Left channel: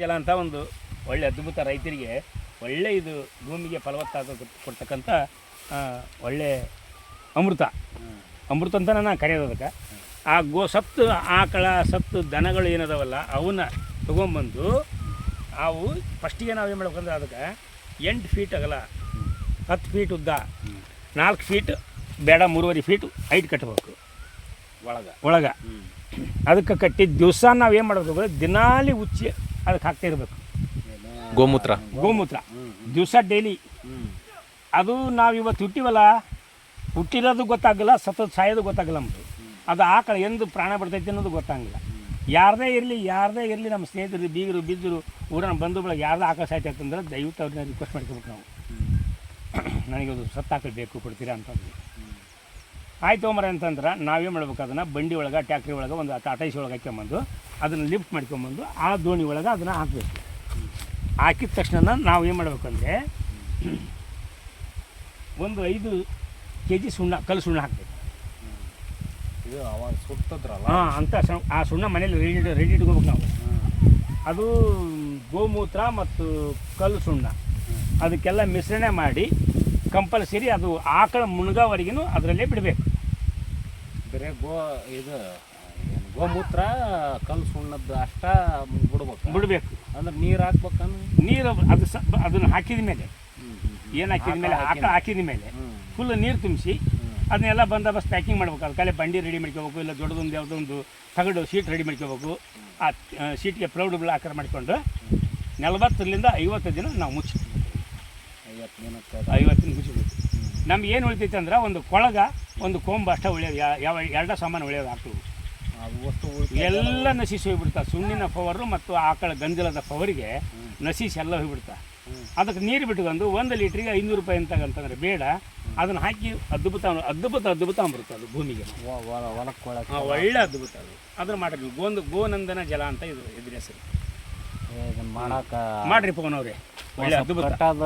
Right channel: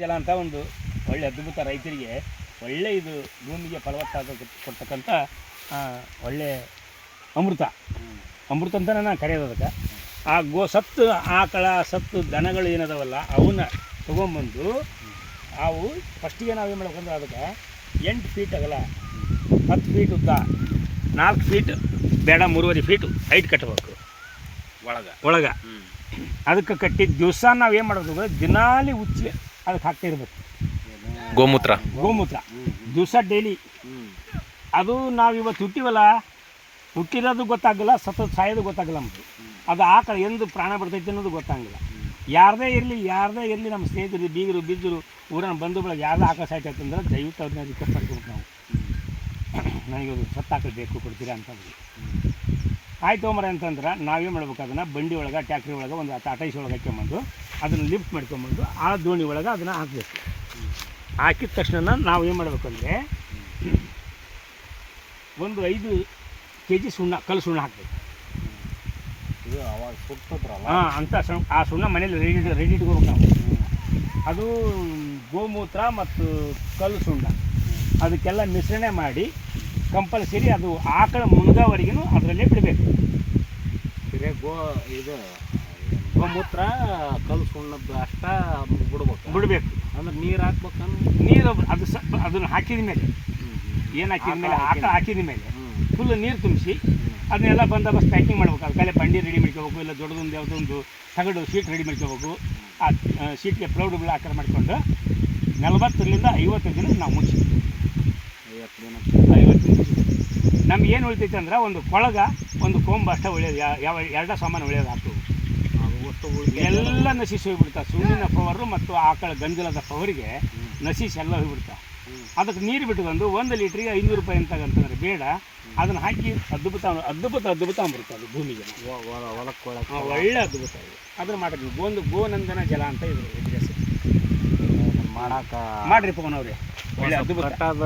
ಜಲ ಅಂತ ಒಂದು ಒಳ್ಳೆ ಅದ್ಭುತ ರೈತರಿಗೆ ಒಳ್ಳೆ ಇದು ಭೂಮಿಗೆ ಫಲವತ್ತಾದ ಕೊಡ್ತಕ್ಕಂಥ ಒಳ್ಳೆ ಅಮೃತ. ಅಮೃತ ಅಂತ ನಾನು ಕರೆಯೋದು ಅದಕ್ಕೆ. ಆ ಗೋ ಸತ್ತು ಆಕಳ ಸತ್ತು ದನಗಳು ಏನದವಲ್ಲ ಅವನ್ನ ತೊಗೊಂಬಂದು ಅವು ಫಸ್ಟಿಗೆ ನಾವು ಏನು ಮಾಡ್ಬೇಕಂದ್ರೆ ಅದಕ್ಕೆ ಎಂಟು ಫೀಟ್ ಅಗಲ ಹತ್ತು ಫೀಟ್ ಉದ್ದ ನಾಲ್ಕು ಫೀಟ್ ಬೇಡ ಮೂರುವರೆ ಫೀಟ್ ಹೈಟ್ ಕಟ್ಟಬೇಕು ಒಳಗ. ಒಳಗೆ. ಅದಕ್ಕೆ ಕಟ್ಟಿದ ದಿವಸ ನಾವು ಏನು ಮಾಡ್ಬೇಕಂದ್ರೆ ದಿನಾಲಿ ಉಚ್ಚಿ ಅದಕ್ಕೆ ಹಾಕ್ತಾ ಇರಬೇಕು. ಗೋಮೂತ್ರ. ಗೋಮೂತ್ರ. ದಿವಸ ಡೈಲಿ. ಅದು ನಾವು ಇವತ್ತು ಹುಟ್ಟಿವಲ್ಲ ಹುಟ್ಟಿರೋದು ಗೊತ್ತಾಗಲ್ಲ ಸತತ ಸಾಯೋದು ಗೊತ್ತಾಗಲ್ಲ ನಮ್ಮದು ಅದು ಆಕಳ ಎಂದು ಪ್ರಾಣ ಬಿಡ್ತೈತೆ ಅನ್ನೋದು ಗೊತ್ತಾಗಲ್ಲ ಯಾರದೇ ಇರಲಿ ಯಾರದೇ ಇರಲಿ ನಮ್ಮ ಸ್ನೇಹಿತರು ಬೀಗರು ಬಿದ್ದರು ಊರನ್ನ ಬಂದು ಬಳಗ ಯಾರ್ದೇ ಆಕಳ ಅಂತಂದ್ರೆ ದಯವಿಟ್ಟು ಅವ್ರನ್ನ ರಿಕ್ವೆಸ್ಟ್ ಮಾಡ್ಕೊಬೇಕು ನಾವು. ನನಗೆ ಅದು ಸತ್ತು ಆಕಳ ಬೇಕು ಕೊಡ್ತೀರಾ ಅಂತಂದು ಆಯ್ತು ಮರ ಅಂತಂದ್ರೆ ನಾವೇನು ಮಾಡ್ಬೇಕು ಅದನ್ನು ಬಂಡಿ ಒಳಗೆ ಟ್ಯಾಕ್ಟ್ರಿ ಒಳಗೆ ಒಂದು ಟಾಟೈಸ್ ಒಳಗೆ ಹಾಕ್ಕೊಂಬಂದು ಅದನ್ನು ಲಿಫ್ಟ್ ಮಾಡ್ಕೊಂಬಂದು ಆ ದೋಣಿ ಒಳಗೆ ಅದನ್ನು ಹಾಕಬೇಕು. ಹಾಕಿದ ತಕ್ಷಣ ನಾವು ಏನು ಮಾಡಬೇಕಂದ್ರೆ ಒಂದು ಐದು ಕೆ ಜಿ ಸುಣ್ಣ ಕಲ್ಲು ಸುಣ್ಣ ಹಾಕಬೇಕು. ಇದು ಅವಾಗ ಸುತ್ತದ್ರಲ್ಲ ಹಾಂ ಅಂತ ಆ ಸುಣ್ಣ ಮನೇಲಿ ರೆಡಿ ರೆಡಿ ಇಟ್ಕೋಬೇಕು ನಾವು. ಅದು ಗೋಮೂತ್ರ ಮತ್ತು ಕಲ್ಲು ಸುಣ್ಣ. ಅದಕ್ಕೆಲ್ಲ ಮಿಶ್ರಣೆ ಮಾಡಿ ಕಂಪಲ್ಸರಿ ಅದು ಆಕಳ ಮುಳುಗೋವರೆಗೂ ಅದರಲ್ಲೇ ಬಿಡಬೇಕು. ಬೇರೆ ಗೋ ಇದು ಗೋಮೂತ್ರ ಕಲ್ಲು ಸುಣ್ಣದ್ದು ಅಷ್ಟ ಬಿಡ್ಬೇಕು. ಬಿಡಬೇಕು. ಅಂದ್ರೆ ನೀರು ಹಾಕ್ಬೇಕಂದ್ರೆ? ನೀರು ಅದು ಸ ಅದನ್ನು ಹಾಕಿದ ಮೇಲೆ. ಏನು ಹಾಕಿದ ಮೇಲೆ? ಆಕಳ ಹಾಕಿದ ಮೇಲೆ. ಫುಲ್ ನೀರು ತುಂಬಿಸಿ ಅದನ್ನೆಲ್ಲ ಬಂದೋಬಸ್ತ್ ಪ್ಯಾಕಿಂಗ್ ಮಾಡ್ಬೇಕು. ಅದಕ್ಕೆಲ್ಲ ಬಂಡಿ ರೆಡಿ ಮಾಡ್ಕೋಬೇಕು ಇಲ್ಲ ದೊಡ್ಡದೊಂದು ಯಾವುದೊಂದು ತಗಡು ಶೀಟ್ ರೆಡಿ ಮಾಡ್ಕೋಬೇಕು. ಆ ಶೀಟ್ಗೆ ಪ್ರೌಡ್ ಆಕಾರ ಮಾಡಿಕೊಂಡು ನಲವತ್ತರಿಂದ ಐವತ್ತು ದಿನ ನಾವು ಮುಚ್ಚಿ ಐವತ್ತು ದಿನ. ಐವತ್ತು ದಿನ ನಮ್ಗೆ ಏನು ಉಳಿತೈತೆ ಅಂದ್ರೆ ಒಂದು ಕೊಳಗ ಒಂದು ಕೊಂಬ ಅಷ್ಟೇ ಉಳಿಯೋದು ಯಾವ ಎರಡ ಸಾಮಾನು ಉಳಿಯೋದು ಉಳ್ದ ಎಲ್ಲ ನಶಿಸಿ ಹೋಗ್ಬಿಡ್ತಾ. ಸುಣ್ಣಿನ ಪವರು ಮತ್ತು ಆಕಳ ಗಂಜಲದ ಪವರಿಗೆ ನಶಿಸಿ ಎಲ್ಲ ಹೋಗ್ಬಿಡ್ತಾ. ಅದಕ್ಕೆ ನೀರು ಬಿಟ್ಕೊಂಡು ಒಂದು ಲೀಟ್ರಿಗೆ ಐನೂರು ರೂಪಾಯಿ ಅಂತ ಅಂತಂದ್ರೆ ಬೇಡ. ಅದನ್ನು ಹಾಕಿ ಅದ್ಭುತ ಅದ್ಭುತ ಅದ್ಭುತ ಅಮೃತ ಅದು ಭೂಮಿಗೆ. ಒಳ್ಳೆ ಅದ್ಭುತ ಅದು. ಅದನ್ನು ಮಾಡಿದ್ವಿ ಗೋಂದು ಗೋನಂದನ ಜಲ ಅಂತ ಇದ್ರು ಮಾಡಾಕ ಮಾಡ್ರಿ ಪವನ್ ಅವ್ರೆ. ಒಳ್ಳೆ ಅದ್ಭುತ ಕಟ್ಟದ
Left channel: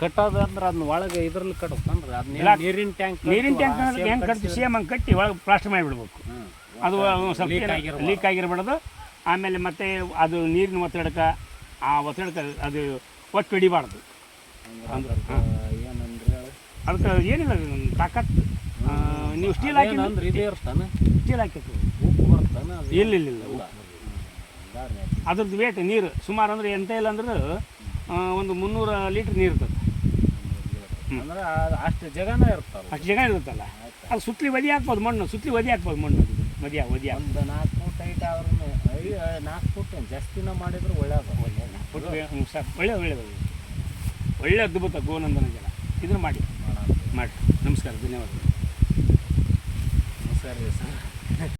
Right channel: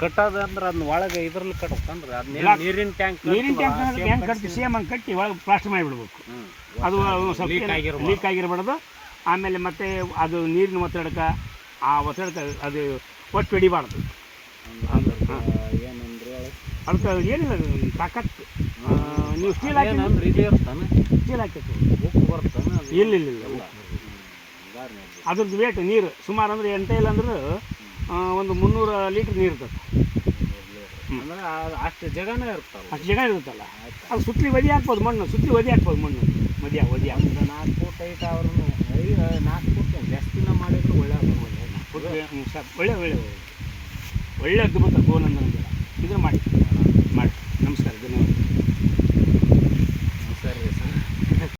ಕಟ್ಟದ ಅಂದ್ರೆ ಅದನ್ನ ಒಳಗೆ ಇದ್ರಲ್ಲಿ ಕಟ್ಕೊಂಡ್ರೆ ಅದನ್ನ ನೀರಿನ ಟ್ಯಾಂಕ್ ನೀರಿನ ಟ್ಯಾಂಕ್ ಹೆಂಗೆ ಕಟ್ತೀವಿ? ಸೇಮ್ ಹಂಗೆ ಕಟ್ಟಿ ಒಳಗೆ ಪ್ಲಾಸ್ಟರ್ ಮಾಡಿಬಿಡ್ಬೇಕು. ಅದು ಲೀಕ್ ಸ್ವಲ್ಪ ಆಗಿರ್ಬಾರ್ದು. ಲೀಕ್ ಆಗಿರಬಾರ್ದು. ಆಮೇಲೆ ಮತ್ತೆ ಅದು ನೀರಿನ ಒತ್ತಡಕ ಆ ಒತ್ತಡಕ್ಕೆ ಅದು ಒಟ್ಟು ಹಿಡಿಬಾರ್ದು. ಏನಂದ್ರೆ ಅದಕ್ಕೆ ಏನಿಲ್ಲ ತಾಕತ್ತು. ನೀವು ಸ್ಟೀಲ್ ಹಾಕಿ ಸ್ಟೀಲ್ ಹಾಕಿತ್ತು ಇಲ್ಲ ಇಲ್ಲ ಇಲ್ಲ. ಅದ್ರದ್ದು ವೇಟ್ ನೀರು. ಸುಮಾರು ಅಂದ್ರೆ ಎಂತ ಇಲ್ಲ ಅಂದ್ರೆ ಒಂದು ಮುನ್ನೂರ ಲೀಟ್ರ್ ನೀರು ಇರ್ತದೆ. ಅಂದ್ರೆ ಅಷ್ಟು ಜಗನೇ ಇರ್ತಲ್ಲ. ಅಷ್ಟು ಜಾಗ ಇರುತ್ತಲ್ಲ? ಅದು ಸುತ್ತಲಿ ಒದಿ ಹಾಕ್ಬೋದು ಮಣ್ಣು ಸುತ್ತಲಿ ಒದಿ ಹಾಕ್ಬೋದು ಮಣ್ಣು. ಮದಿಯ ಒದಿಯ ಒಂದು ನಾಲ್ಕು ಫೂಟ್ ಐತೆ ಅವ್ರನ್ನು ನಾಲ್ಕು ಫೂಟ್ ಜಾಸ್ತಿ ದಿನ ಮಾಡಿದ್ರೆ ಒಳ್ಳೆ ಒಳ್ಳೆ ಒಳ್ಳೆ ಒಳ್ಳೆ ಒಳ್ಳೆ ಅದ್ಭುತ ಗೋನಂದನ ಜಲ. ಇದನ್ನು ಮಾಡಿ. ಮಾಡಿ. ನಮಸ್ಕಾರ ಧನ್ಯವಾದ.